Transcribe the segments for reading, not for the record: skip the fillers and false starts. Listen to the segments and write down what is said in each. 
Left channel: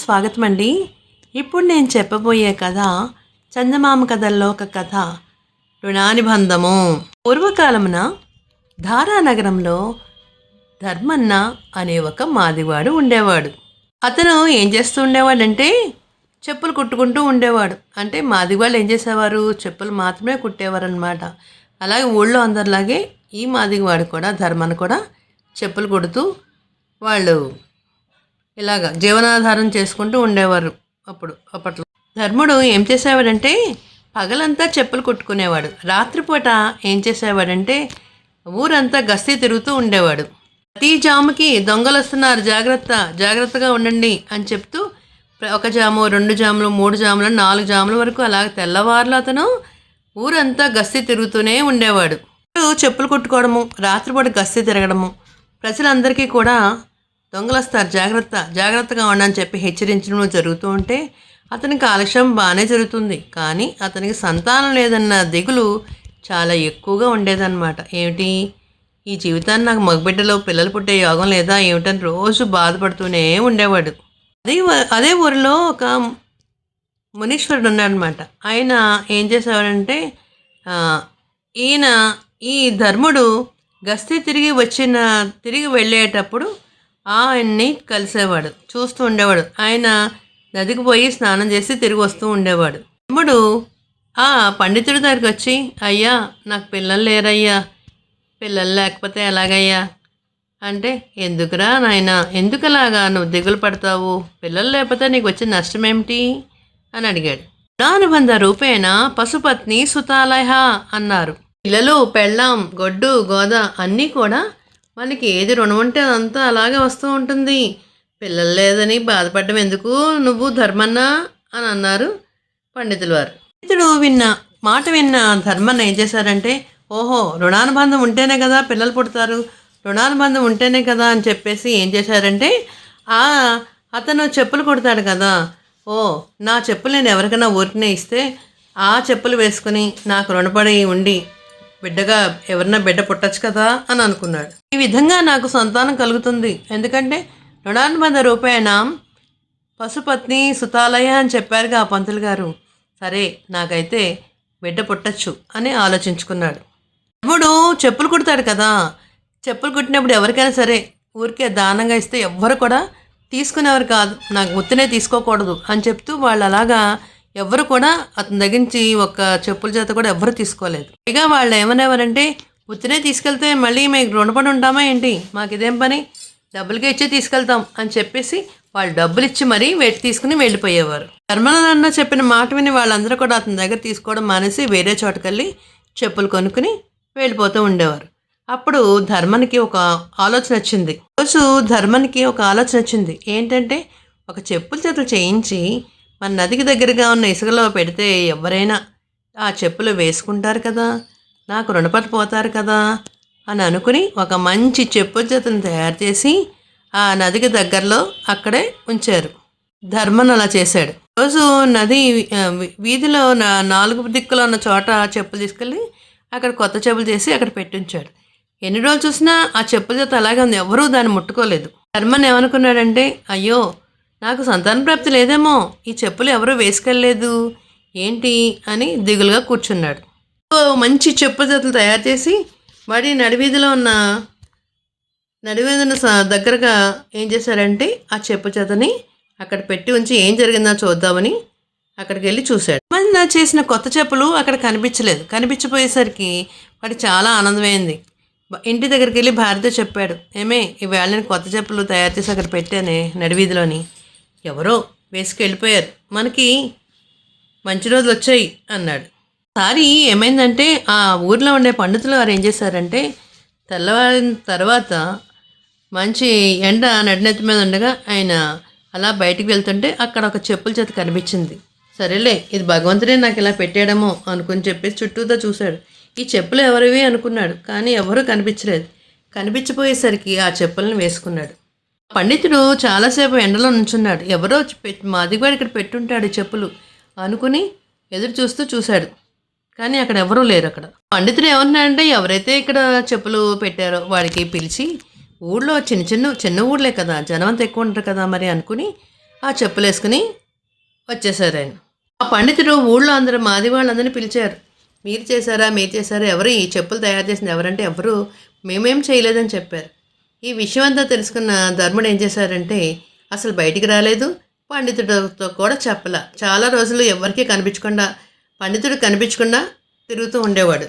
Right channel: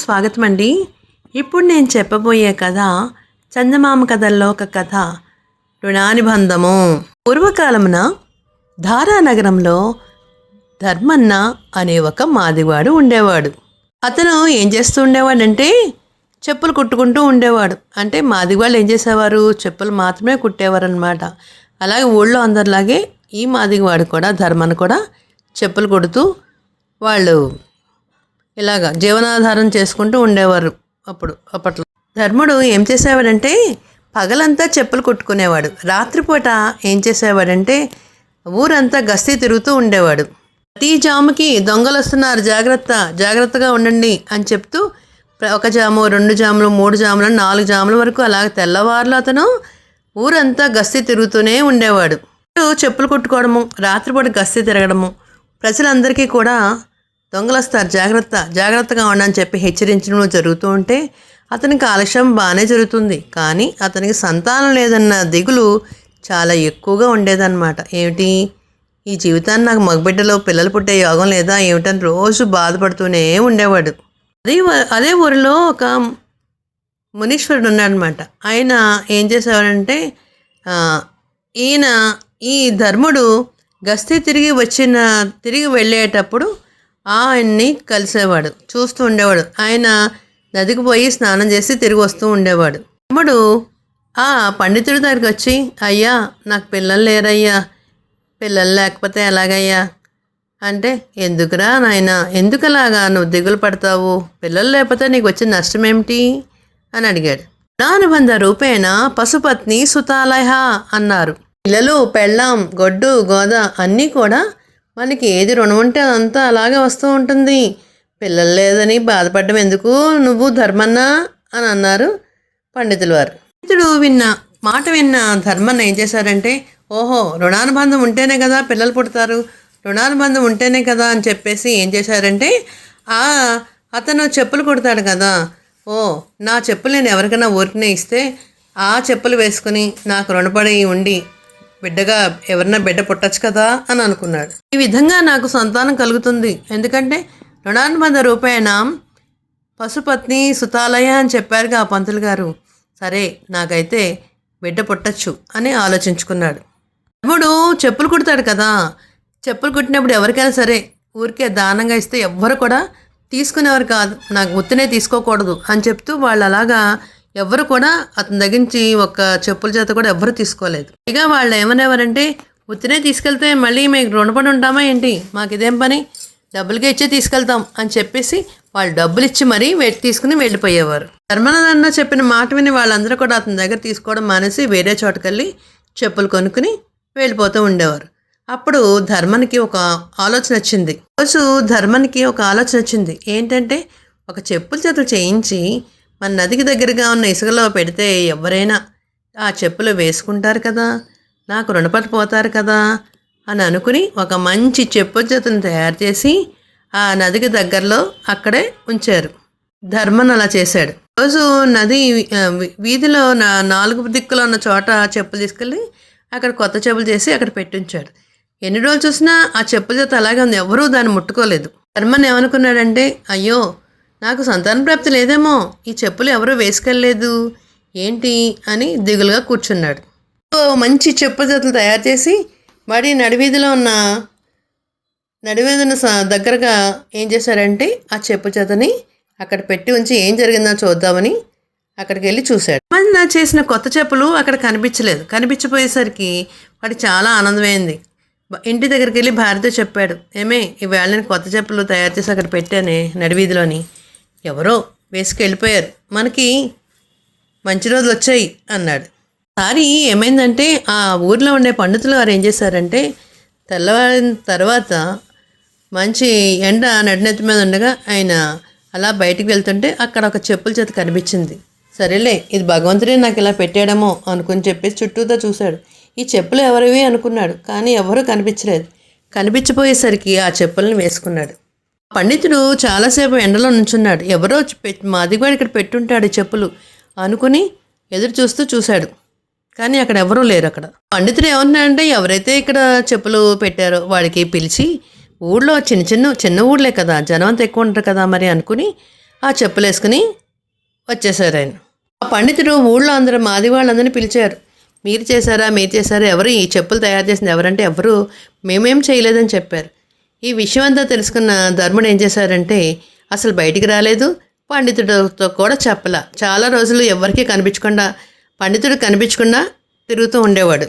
స్వాగతం అండి. ఇప్పుడు నేను చెప్పబోయే కథ చందమామ కథల్లో ఒక కథ, రుణానుబంధము. పూర్వకాలమున ధారానగరంలో ధర్మన్న అనే ఒక మాదివాడు ఉండేవాడు. అతను ఏం చేస్తూ ఉండేవాడంటే చెప్పులు కుట్టుకుంటూ ఉండేవాడు. అంటే మాదివాళ్ళు ఏం చేసేవారు, చెప్పులు మాత్రమే కుట్టేవారు అనమాట. అలాగే ఊళ్ళో అందరిలాగే ఈ మాదివాడు కూడా, ధర్మన్న కూడా చెప్పులు కుడుతూ వాళ్ళు ఇలాగా జీవనాధారం చేసుకుంటూ ఉండేవారు. అప్పట్లో ధర్ముడు ఏం చేసేవాడంటే పగలంతా చెప్పులు కుట్టుకునేవాడు. రాత్రిపూట ఏం చేసేవాడంటే ఊరంతా గస్తీ తిరుగుతూ ఉండేవాడు. ప్రతి జాముకి దొంగలు వస్తున్నారు, జాగ్రత్తగా ఉండండి అని చెప్తూ ఒక జాము, 2 జాములు, 3 జాములు, 4 జాముల వరకు అలాగ తెల్లవారులు అతను ఊరంతా గస్తీ తిరుగుతూనే ఉండేవాడు. చెప్పులు కుట్టుకోవడము, రాత్రిపూట గస్తీ తిరగడము, ప్రజలందరికీ కూడా దొంగలు వస్తారు, జాగ్రత్తగా ఉండని చెప్పి హెచ్చరించడం జరుగుతూ ఉంటే అతనికి ఆలస్యం బాగానే జరుగుతుంది. కానీ అతనికి సంతానం లేదన్న దిగులు చాలా ఎక్కువగా ఉండేదన్నమాట. ఏమిటి, ఈ జీవితాన్ని నాకు మగబిడ్డలో పిల్లలు పుట్టే యోగం లేదా ఏమిటని రోజు బాధపడుతూనే ఉండేవాడు. అదే ఊరిలో ఒక మునీశ్వరుడు ఉన్నాడనమాట. ఆయన ఏం చేసేవాడంటే ఈ ధర్ముడు గస్తీ తిరిగి వెళ్ళేటప్పుడు ఆయన్ని కలిసేవాడు, చూస్తూ ఉండేవాడు. ఆయన నదికి పోయి స్నానం చేసి తిరిగి వస్తూ ఉండేవాడు. తమ్ముడు ఆ పండితుడి దగ్గరికి వచ్చి, అయ్యా నాకు పిల్లలు లేరయ్యా, పిల్లలు లేకపోతే ఎలాగయ్యా అంటే, ఎందుకురా నాయన, ఎందుకలాగా నువ్వు దిగులు పడతావు, పిల్లలు లేకపోతే నీకు వచ్చిన నష్టం ఏమిటి అని అడిగాడు. రుణానుబంధ రూపేణ పశుపత్ని సుతాలయ అన్నారు. పిల్లలు, పెళ్ళాం, గొడ్డు, గోద అన్నీ కూడా మనకి ఏది రుణం ఉంటే అంతా అలాగే వస్తూ ఉంటుంది. పిల్లలు లేదని బాధపడడం ఎందుకు నువ్వు ధర్మన్న అని అన్నారు పండితులు వారు. పండితుడు మాట విన్న ధర్మన్న ఏం చేశారంటే, ఓహో రుణానుబంధం ఉంటేనే కదా పిల్లలు పుడతారు, రుణానుబంధం ఉంటేనే కదా అని చెప్పేసి ఏం చేశారంటే, అతను చెప్పులు కుడతాడు కదా, నా చెప్పులు నేను ఎవరికైనా ఊరికనే ఇస్తే ఆ చెప్పులు వేసుకుని నాకు రుణపడి ఉండి బిడ్డగా ఎవరన్నా బిడ్డ పుట్టచ్చు కదా అని అనుకున్నాడు. ఈ విధంగా నాకు సంతానం కలుగుతుంది, ఎందుకంటే రుణానుబంధ రూపేణ పశుపత్ని సుతాలయ అని చెప్పారుగా ఆ పంతులు గారు. సరే నాకైతే బిడ్డ పుట్టచ్చు అని ఆలోచించుకున్నాడు. తమ్ముడు చెప్పులు కుడతాడు కదా, చెప్పులు కుట్టినప్పుడు ఎవరికైనా సరే ఊరికే దానంగా ఇస్తే ఎవ్వరు కూడా తీసుకునేవారు కాదు, నాకు ఉత్తినే తీసుకోకూడదు అని చెప్తూ వాళ్ళు అలాగా ఎవ్వరు కూడా అతని దగ్గరించి ఒక చెప్పుల చేత కూడా ఎవ్వరు తీసుకోలేదు. ఇక వాళ్ళు ఏమనేవారంటే, ఉత్తినే తీసుకెళ్తే మళ్ళీ మీకు రుణపడి ఉంటామా ఏంటి, మాకు ఇదేం పని, డబ్బులకే ఇచ్చి తీసుకెళ్తాం అని చెప్పేసి వాళ్ళు డబ్బులు ఇచ్చి మరీ తీసుకుని వెళ్ళిపోయేవారు. ధర్మన్న చెప్పిన మాట విని వాళ్ళందరూ కూడా అతని దగ్గర తీసుకోవడం మానేసి వేరే చోటుకెళ్ళి చెప్పులు కొనుక్కుని వెళ్ళిపోతూ ఉండేవారు. అప్పుడు ధర్మనికి ఒక ఆలోచన వచ్చింది. ఏంటంటే, ఒక చెప్పుల చేతులు చేయించి మన నదికి దగ్గరగా ఉన్న ఇసుకలో పెడితే ఎవరైనా ఆ చెప్పులు వేసుకుంటారు కదా, నాకు రుణపడిపోతారు కదా అని అనుకుని ఒక మంచి చెప్పుల చేతులను తయారు చేసి ఆ నదికి దగ్గరలో అక్కడే ఉంచారు. ధర్మన్ అలా చేశాడు. రోజు నది వీధిలో 4 దిక్కులో ఉన్న చోట చెప్పులు తీసుకెళ్ళి అక్కడ కొత్త చెప్పులు చేసి అక్కడ పెట్టించాడు. ఎన్ని రోజులు చూసినా ఆ చెప్పుల చేత అలాగే ఉంది, ఎవరూ దాన్ని ముట్టుకోలేదు. ధర్మన్ ఏమనుకున్నాడంటే, అయ్యో నాకు సంతాన ప్రాప్తి లేదేమో, ఈ చెప్పులు ఎవరూ వేసుకెళ్ళలేదు ఏంటి అని దిగులుగా కూర్చున్నాడు. మంచి చెప్పుల జతలు తయారు చేసి మరి నడివీధిలో దగ్గరగా ఏం చేశాడంటే ఆ చెప్పు జతని అక్కడ పెట్టి ఉంచి ఏం జరిగిందో చూద్దామని అక్కడికి వెళ్ళి చూశాడు. మన చేసిన కొత్త చెప్పులు అక్కడ కనిపించిపోయేసరికి వాడికి చాలా ఆనందమైంది. ఇంటి దగ్గరికి వెళ్ళి భార్యతో చెప్పాడు, ఏమే ఈవేళ నేను కొత్త చెప్పులు తయారు చేసి అక్కడ పెట్టానే నడివీధిలోని, ఎవరో వేసుకెళ్ళిపోయారు, మనకి మంచి రోజులు వచ్చాయి అన్నాడు. సారి ఏమైందంటే ఆ ఊర్లో ఉండే పండితులు వారు ఏం చేశారంటే, తెల్లవారిన తర్వాత మంచి ఎండ నడినెత్తి మీద ఉండగా ఆయన అలా బయటికి వెళ్తుంటే అక్కడ ఒక చెప్పుల చేత కనిపించింది. సరేలే ఇది భగవంతుడే నాకు ఇలా పెట్టాడేమో అనుకుని చెప్పేసి చుట్టూతో చూశాడు. ఈ చెప్పులు ఎవరివి అనుకున్నాడు, కానీ ఎవరూ కనిపించలేదు. కనిపించిపోయేసరికి ఆ చెప్పులను వేసుకున్నాడు. పండితుడు చాలాసేపు ఎండలో నుంచున్నాడు. ఎవరో మాదిగవాడు ఇక్కడ పెట్టుంటాడు చెప్పులు అనుకుని ఎదురు చూశాడు, కానీ అక్కడ ఎవరూ లేరు. అక్కడ పండితుడు ఏమన్నాడంటే, ఎవరైతే ఇక్కడ చెప్పులు పెట్టారో వాడికి పిలిచి, ఊళ్ళో చిన్న ఊళ్ళే కదా, జనం అంతా ఎక్కువ ఉంటారు కదా మరి అనుకుని ఆ చెప్పులు వేసుకుని వచ్చేసారు ఆయన. ఆ పండితుడు ఊళ్ళో అందరూ మాది వాళ్ళందరినీ పిలిచారు. మీరు చేశారా, ఎవరు ఈ చెప్పులు తయారు చేసింది ఎవరంటే ఎవరు మేమేం చేయలేదని చెప్పారు. ఈ విషయం అంతా తెలుసుకున్న ధర్ముడు ఏం చేశారంటే అసలు బయటికి రాలేదు, పండితుడితో కూడా చెప్పలా. చాలా రోజులు ఎవరికీ కనిపించకుండా, పండితుడు కనిపించకుండా తిరుగుతూ ఉండేవాడు.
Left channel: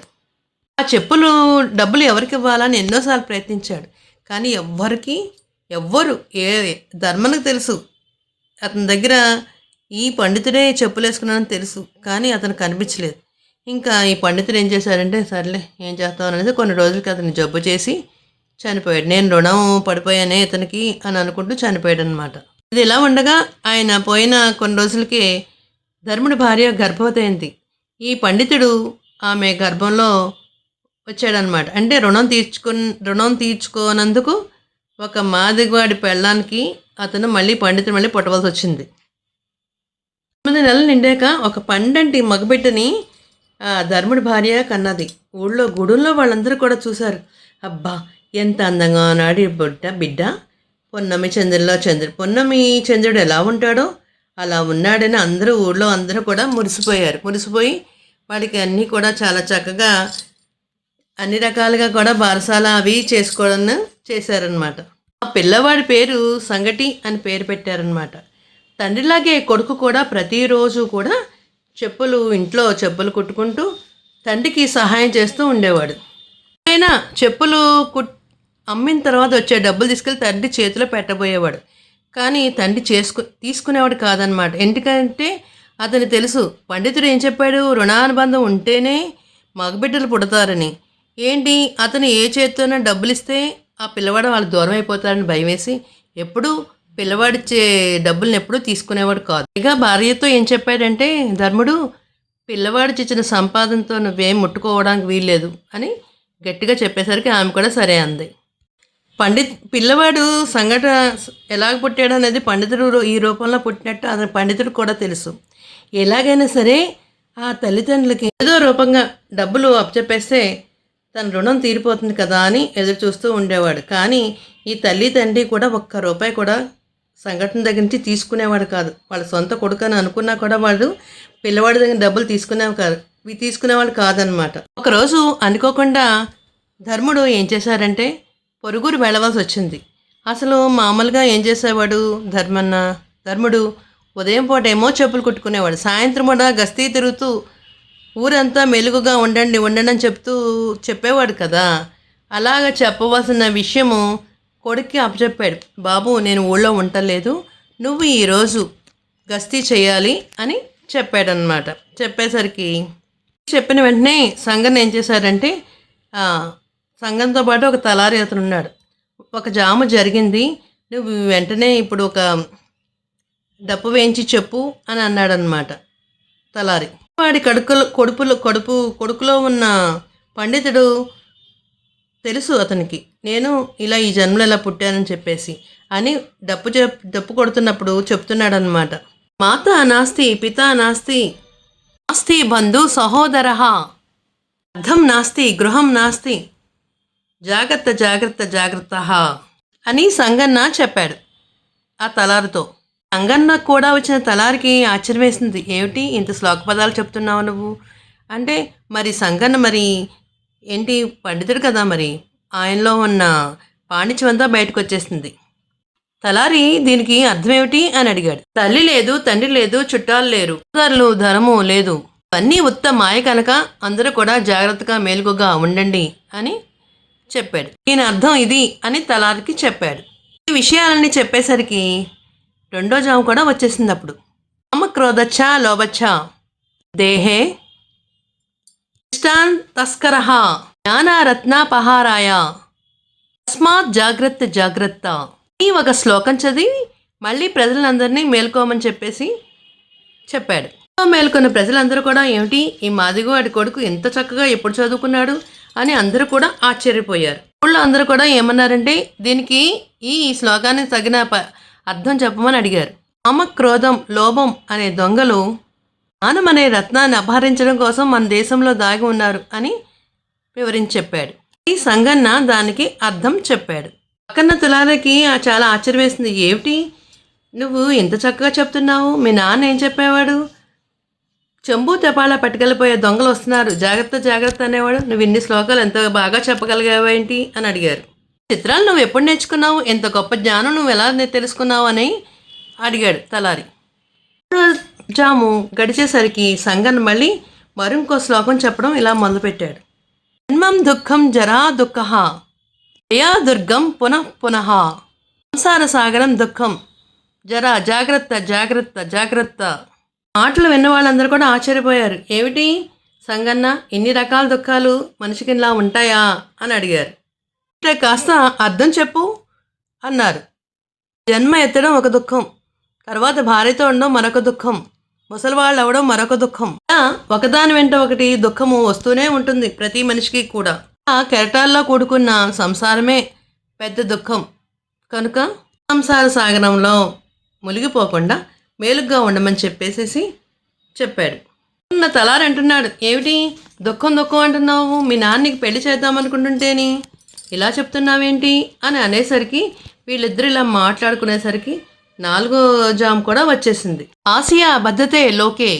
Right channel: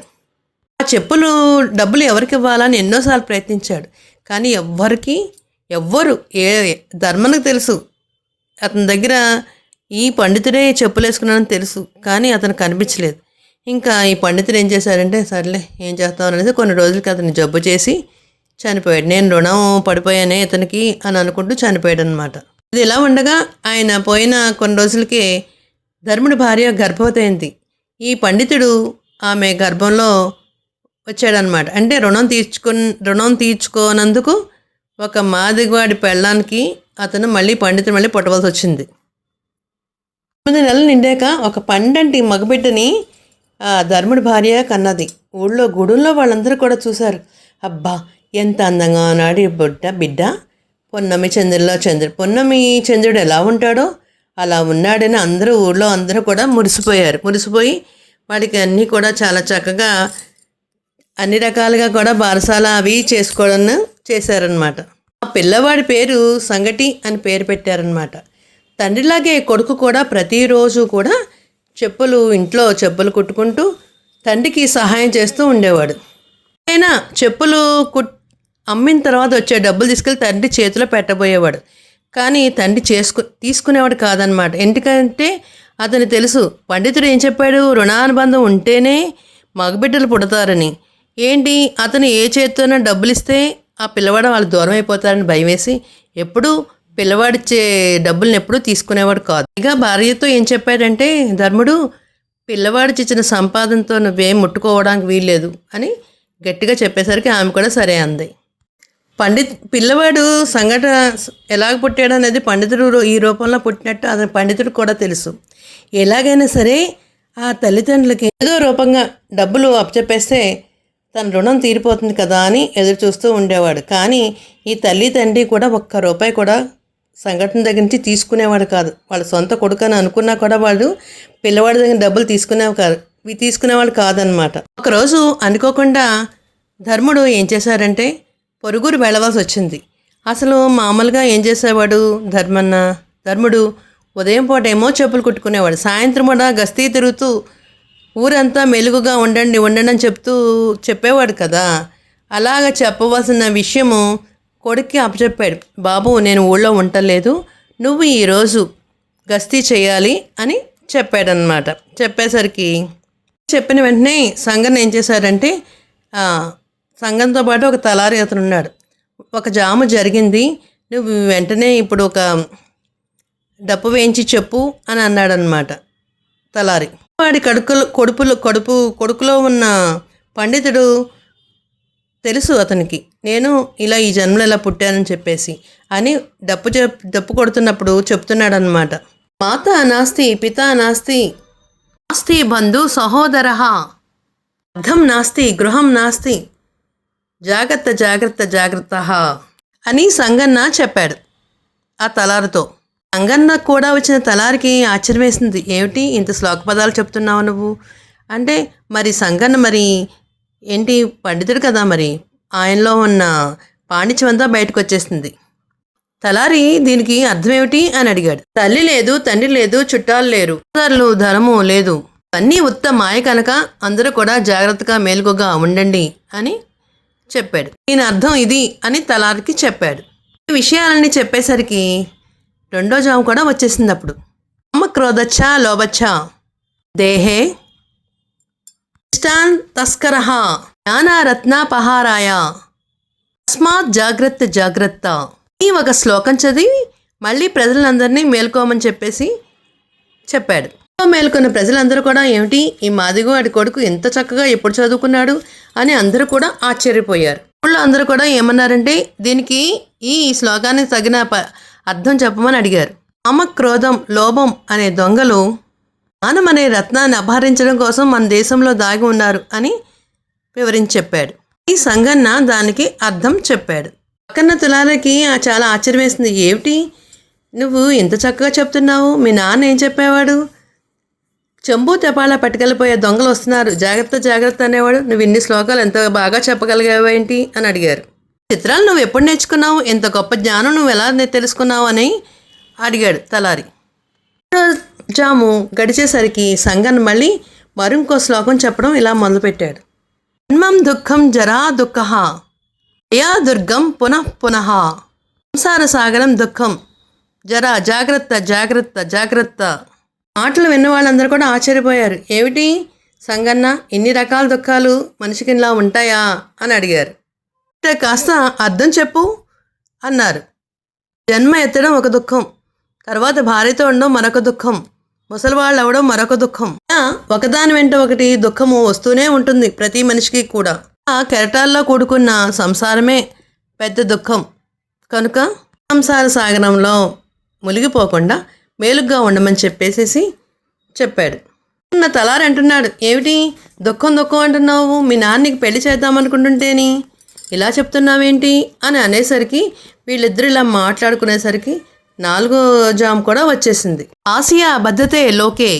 ఆ చెప్పులు డబ్బులు ఎవరికి ఇవ్వాలని ఎన్నోసార్లు ప్రయత్నించాడు. కానీ ఎవ్వరు ధర్మనికి తెలుసు అతని దగ్గర ఈ పండితుడే చెప్పులు వేసుకున్నాడని తెలుసు, కానీ అతను కనిపించలేదు. ఇంకా ఈ పండితుడు ఏం చేశారంటే సర్లే ఏం చేస్తాం అనేది కొన్ని రోజులకి అతన్ని జబ్బు చేసి చనిపోయాడు. నేను రుణం పడిపోయానే ఇతనికి అని అనుకుంటూ చనిపోయాడు అనమాట. ఇది ఇలా ఉండగా ఆయన పోయిన కొన్ని రోజులకి ధర్ముడి భార్య గర్భవతి అయింది. ఈ పండితుడు ఆమె గర్భంలో వచ్చాడనమాట. అంటే రుణం తీర్చుకోనందుకు ఒక మాదిగవాడి పెళ్ళానికి అతను పండితుడు మళ్ళీ పుట్టవలసి వచ్చింది. 9 నెలలు నిండాక ఒక పండంటి మగబిడ్డని ధర్ముడి భార్య కన్నది. గుడుల్లో వాళ్ళందరూ కూడా చూశారు. అబ్బా ఎంత అందంగా ఉన్నాడు ఈ బిడ్డ, పొన్నమి చంద్రుడు ఎలా ఉంటాడో అలా ఉన్నాడని ఊళ్ళో అందరూ కూడా మురిసిపోయి వాడికి అన్నీ కూడా చాలా చక్కగా అన్ని రకాలుగా కూడా బారసాల అవి చేసుకోవడం చేశారనమాట. ఆ పిల్లవాడి పేరు సంగటి అని పేరు పెట్టారనమాట. తండ్రిలాగే కొడుకు కూడా ప్రతిరోజు కూడా ఇంట్లో చెప్పులు కుట్టుకుంటూ తండ్రికి సహాయం చేస్తూ ఉండేవాడు. ఆయన చెప్పులు అమ్మిన తర్వాత వచ్చే డబ్బులు తీసుకెళ్ళి తండ్రి చేతిలో పెట్టబోయేవాడు. కానీ తండ్రి తీసుకునేవాడు కాదనమాట. ఎందుకంటే అతను తెలుసు పండితుడు ఏం చెప్పాడు, రుణానుబంధం ఉంటేనే మగబిడ్డలు పుడతారని. ఏంటి అతను ఏ చేతితోనో డబ్బులు ఇస్తే ఆ పిల్లవాడు వాళ్ళు దూరం అయిపోతారని భయం వేసి ఎప్పుడూ పిల్లవాడిచ్చే డబ్బులను ఎప్పుడూ తీసుకునేవాడు కాదు. ఇక భార్యతో ఏం చెప్పాడంటే ధర్ముడు, పిల్లవాడికి ఇచ్చిన సంపాదనతో నువ్వేం ముట్టుకోవడానికి వీల్లేదు అని గట్టిగా చెప్పేసరికి ఆమె కూడా సరే అంది. పిల్లవాడు సంఘట ఎలాగ పుట్టాడు అనేది పండితుడు ఈ రూపంలో పుట్టినట్టు అతని పండితుడు కూడా తెలుసు. ఎలాగైనా సరే ఆ తల్లిదండ్రులకి ఏదో రూపంగా డబ్బులు అప్పచెప్పేస్తే తన రుణం తీరిపోతుంది కదా అని ఎదురు చూస్తూ ఉండేవాడు. కానీ ఈ తల్లి తండ్రి కూడా ఒక్క రూపాయి కూడా సంఘటన దగ్గర నుంచి తీసుకునేవాడు కాదు. వాళ్ళ సొంత కొడుకు అని అనుకున్నా కూడా వాళ్ళు పిల్లవాడి దగ్గర డబ్బులు తీసుకునేవాడు కాదనమాట. ఒకరోజు అనుకోకుండా ధర్ముడు ఏం చేశారంటే పొరుగురు వెళ్ళవలసి వచ్చింది. అసలు మామూలుగా ఏం చేసేవాడు ధర్ముడు ఉదయం పూట ఏమో చెప్పులు కుట్టుకునేవాడు, సాయంత్రం కూడా గస్తీ తిరుగుతూ ఊరంతా మెలుగుగా ఉండండి అని చెప్పేవాడు కదా. అలాగ చెప్పవలసిన విషయము కొడుక్కి అప్పచెప్పాడు. బాబు నేను ఊళ్ళో ఉండలేదు, నువ్వు ఈరోజు గస్తీ చేయాలి అని చెప్పాడనమాట. చెప్పేసరికి చెప్పిన వెంటనే సంగన్ ఏం చేశారంటే సంగంతో పాటు ఒక తలారి అతను ఉన్నాడు. ఒక జాము జరిగింది, నువ్వు వెంటనే ఇప్పుడు ఒక డప్పు వేయించి చెప్పు అని అన్నాడనమాట తలారి. వాడి కొడుకులో ఉన్న పండితుడు తెలుసు అతనికి, నేను ఇలా ఈ జన్మలో ఇలా పుట్టానని చెప్పేసి అని డప్పు కొడుతున్నప్పుడు చెప్తున్నాడనమాట. మాతా నాస్తి పితా నాస్తి నాస్తి బంధు సహోదర అర్థం నాస్తి గృహం నాస్తి జాగ్రత్త జాగ్రత్త జాగ్రత్త అని సంగన్న చెప్పాడు ఆ తలారుతో. సంగన్న కూడా వచ్చిన తలారికి ఆశ్చర్యం వేసింది. ఏమిటి ఇంత శ్లోక పదాలు చెప్తున్నావు నువ్వు అంటే, మరి సంగన్న మరి ఏంటి పండితుడు కదా, మరి ఆయనలో ఉన్న పాండిత్యం అంతా బయటకు వచ్చేసింది. తలారి దీనికి అర్థం ఏమిటి అని అడిగాడు. తల్లి లేదు, తండ్రి లేదు, చుట్టాలు లేరు, ధనము లేదు, అన్నీ ఉత్త మాయ కనుక అందరూ కూడా జాగ్రత్తగా మేలుకోగా ఉండండి అని చెప్పాడు. దీని అర్థం ఇది అని తలారికి చెప్పాడు. ఈ విషయాలన్నీ చెప్పేసరికి రెండో జాము కూడా వచ్చేసింది. అప్పుడు కామ క్రోధచ్చ లోభచ్చ దేహే ఇష్టాన్ తస్కరః జ్ఞానరత్నాపహారాయ తస్మాత్ జాగ్రత్త జాగ్రత్త ఈ ఒక శ్లోకం చదివి మళ్ళీ ప్రజలందరినీ మేల్కోమని చెప్పాడు. మేల్కొన్న ప్రజలందరూ కూడా ఏమిటి ఈ మాదిగవాడి కొడుకు ఎంత చక్కగా ఎప్పుడు చదువుకున్నాడు అని అందరూ కూడా ఆశ్చర్యపోయారు. ఊళ్ళో అందరూ కూడా ఏమన్నారంటే దీనికి ఈ శ్లోకానికి తగిన అర్థం చెప్పమని అడిగారు. కామ క్రోధం లోభం అనే దొంగలు జ్ఞానం అనే రత్నాన్ని అపహరించడం కోసం మన దేశంలో దాగి ఉన్నారు అని వివరించి చెప్పాడు. ఈ సంగన్న దానికి అర్థం చెప్పాడు. పక్కన తులాలకి చాలా ఆశ్చర్యం వేసింది. ఏమిటి నువ్వు ఎంత చక్కగా చెప్తున్నావు, మీ నాన్న ఏం చెప్పేవాడు? చెంబు తెపాల పట్టుకెళ్ళిపోయే దొంగలు వస్తున్నారు, జాగ్రత్త జాగ్రత్త అనేవాడు. నువ్వు ఇన్ని శ్లోకాలు ఎంత బాగా చెప్పగలిగావేంటి అని అడిగారు. చిత్రాలు నువ్వు ఎప్పుడు నేర్చుకున్నావు, ఎంత గొప్ప జ్ఞానం నువ్వు ఎలా తెలుసుకున్నావు అని అడిగాడు తలారి. జాము గడిచేసరికి సంగన్ మళ్ళీ మరింకో శ్లోకం చెప్పడం ఇలా మొదలుపెట్టాడు. జన్మం దుఃఖం జరా దుఃఖ యా దుర్గం పునః పునః సంసార సాగరం దుఃఖం జరా జాగ్రత్త జాగ్రత్త జాగ్రత్త. మాటలు విన్న వాళ్ళందరూ కూడా ఆశ్చర్యపోయారు. ఏమిటి సంగన్న, ఇన్ని రకాల దుఃఖాలు మనిషికి ఇలా ఉంటాయా అని అడిగారు. కాస్త అర్థం చెప్పు అన్నారు. జన్మ ఎత్తడం ఒక దుఃఖం, తర్వాత భార్యతో ఉండడం మరొక దుఃఖం, ముసలివాళ్ళు అవ్వడం మరొక దుఃఖం. ఒకదాని వెంట ఒకటి దుఃఖము వస్తూనే ఉంటుంది ప్రతి మనిషికి కూడా. ఆ కెరటాల్లో కూడుకున్న సంసారమే పెద్ద దుఃఖం. కనుక సంసార సాగరంలో మునిగిపోకుండా మేలుగ్గా ఉండమని చెప్పాడు. నా తలారి అంటున్నాడు, ఏమిటి దుఃఖం దుఃఖం అంటున్నావు, మీ నాన్నకి పెళ్లి చేద్దామనుకుంటుంటేని ఇలా చెప్తున్నావేంటి అని అనేసరికి వీళ్ళిద్దరు ఇలా మాట్లాడుకునేసరికి 4వ జామ్ కూడా వచ్చేసింది. ఆసియా బద్ధతే లోకే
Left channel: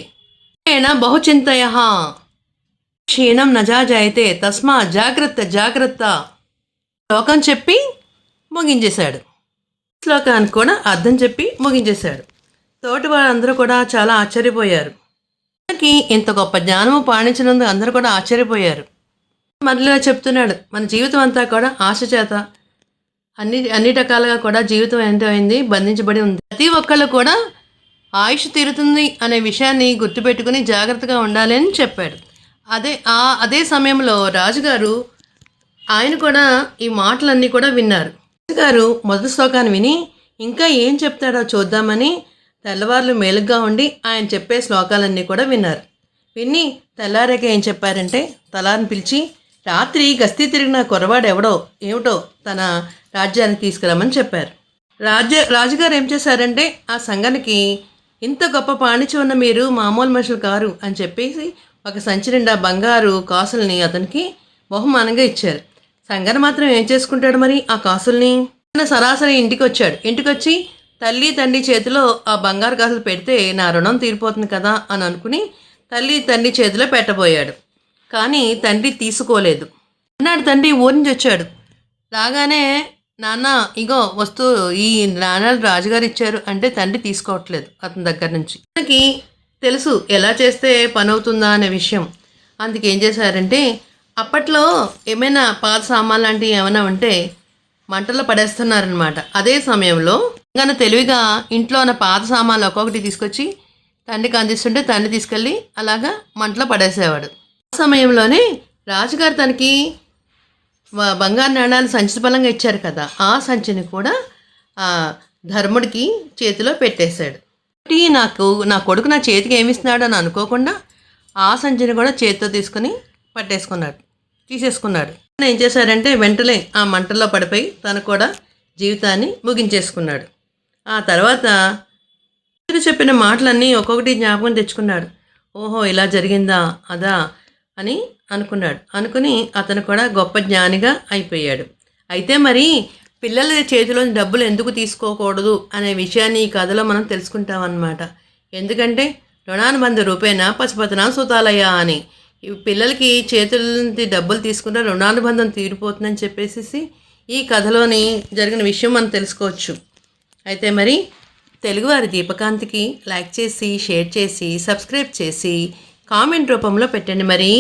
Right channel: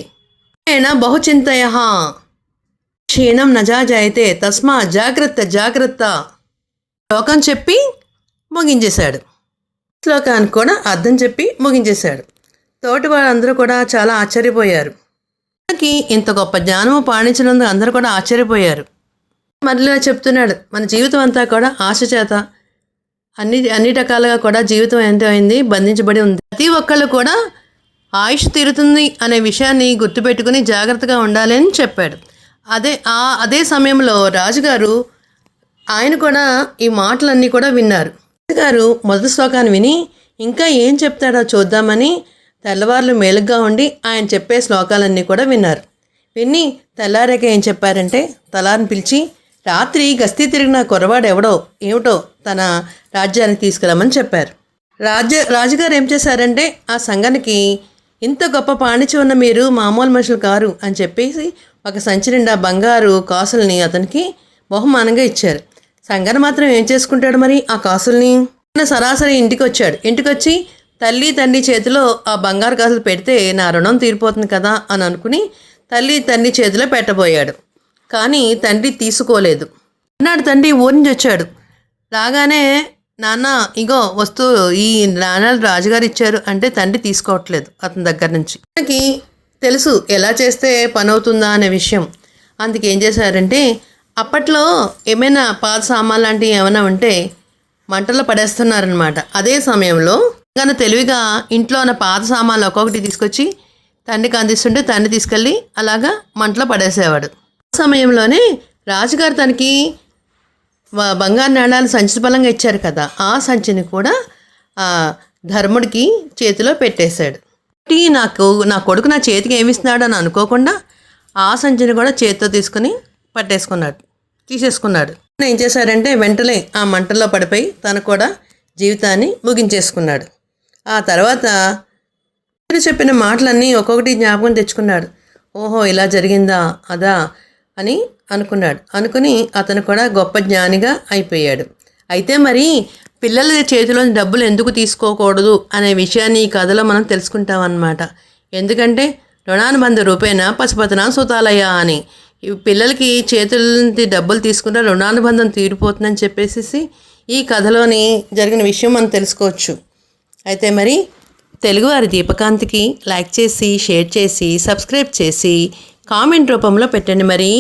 బహుచింతయ క్షీణం నజాజాయితే తస్మా జాగ్రత్త జాగ్రత్త శ్లోకం చెప్పి ముగించేశాడు. శ్లోకానికి కూడా అర్థం చెప్పి ముగించేశాడు. తోటి వాళ్ళందరూ కూడా చాలా ఆశ్చర్యపోయారు. మనకి ఇంత గొప్ప జ్ఞానము పాటించినందుకు అందరూ కూడా ఆశ్చర్యపోయారు. మళ్ళీ చెప్తున్నాడు, మన జీవితం అంతా కూడా ఆశ చేత అన్ని రకాలుగా కూడా జీవితం ఎంత అయింది, బంధించబడి ఉంది. ప్రతి ఒక్కళ్ళు కూడా ఆయుష్ తీరుతుంది అనే విషయాన్ని గుర్తుపెట్టుకుని జాగ్రత్తగా ఉండాలి అని చెప్పాడు. అదే సమయంలో రాజుగారు ఆయన కూడా ఈ మాటలన్నీ కూడా విన్నారు. రాజుగారు మొదటి శ్లోకాన్ని విని ఇంకా ఏం చెప్తాడో చూద్దామని తెల్లవార్లు మేలుగ్గా ఉండి ఆయన చెప్పే శ్లోకాలన్నీ కూడా విన్నారు. విని తెల్లారాక ఏం చెప్పారంటే, తలారిని పిలిచి రాత్రి గస్తీ తిరిగిన కుర్రవాడు ఏమిటో తన రాజ్యానికి తీసుకెళ్ళమని చెప్పారు. రాజుగారు ఏం చేశారంటే, ఆ సంఘానికి ఇంత గొప్ప పాండిత్యం ఉన్న మీరు మామూలు మనుషులు కారు అని చెప్పేసి ఒక సంచి నిండా బంగారు కాసుల్ని అతనికి బహుమానంగా ఇచ్చారు. సంఘాన్ని మాత్రం ఏం చేసుకుంటాడు మరి ఆ కాసుల్ని? సరాసరి ఇంటికి వచ్చి తల్లి తండ్రి చేతిలో ఆ బంగారు కాసులు పెడితే నా రుణం తీరిపోతుంది కదా అని అనుకుని తల్లి తండ్రి చేతిలో పెట్టబోయాడు. కానీ తండ్రి తీసుకోలేదు. అన్నాడు తండ్రి ఊరి నుంచి వచ్చాడు. రాగానే నాన్న ఇగో వస్తువు ఈ నాన్నలు రాజుగారు ఇచ్చారు అంటే తండ్రి తీసుకోవట్లేదు అతని దగ్గర నుంచి. మనకి తెలుసు ఎలా చేస్తే పని అవుతుందా అనే విషయం. అందుకే ఏం చేశారంటే, అప్పట్లో ఏమైనా పాత సామాన్ లాంటివి ఏమైనా ఉంటే మంటల్లో పడేస్తున్నారనమాట. అదే సమయంలో కానీ తెలివిగా ఇంట్లో ఉన్న పాత సామాన్లు ఒక్కొక్కటి తీసుకొచ్చి తండ్రికి అందిస్తుంటే తండ్రి తీసుకెళ్ళి అలాగా మంటలో పడేసేవాడు. ఆ సమయంలోనే రాజుగారు తనకి బంగారు నాణాలు సంచి బలంగా ఇచ్చారు కదా, ఆ సంచిని కూడా ధర్ముడికి చేతిలో పెట్టేశాడు. నా కొడుకు నా చేతికి ఏమిస్తున్నాడు అని అనుకోకుండా ఆ సంచిని కూడా చేతితో తీసుకుని తీసేసుకున్నాడు. ఏం చేశాడంటే వెంటనే ఆ మంటల్లో పడిపోయి తను కూడా జీవితాన్ని ముగించేసుకున్నాడు. ఆ తర్వాత చెప్పిన మాటలన్నీ ఒక్కొక్కటి జ్ఞాపకం తెచ్చుకున్నాడు. ఓహో ఇలా జరిగిందా అదా అని అనుకుని అతను కూడా గొప్ప జ్ఞానిగా అయిపోయాడు. అయితే మరి పిల్లల చేతిలో డబ్బులు ఎందుకు తీసుకోకూడదు అనే విషయాన్ని ఈ కథలో మనం తెలుసుకుంటాం అన్నమాట. ఎందుకంటే రుణానుబంధ రూపేణ పశుపతనా సుతాలయ అని పిల్లలకి చేతుల నుంచి డబ్బులు తీసుకుంటే రుణానుబంధం తీరిపోతుందని చెప్పేసి ఈ కథలోని జరిగిన విషయం మనం తెలుసుకోవచ్చు. అయితే మరి తెలుగువారి దీపకాంతికి లైక్ చేసి షేర్ చేసి సబ్స్క్రైబ్ చేసి కామెంట్ రూపంలో పెట్టండి మరి.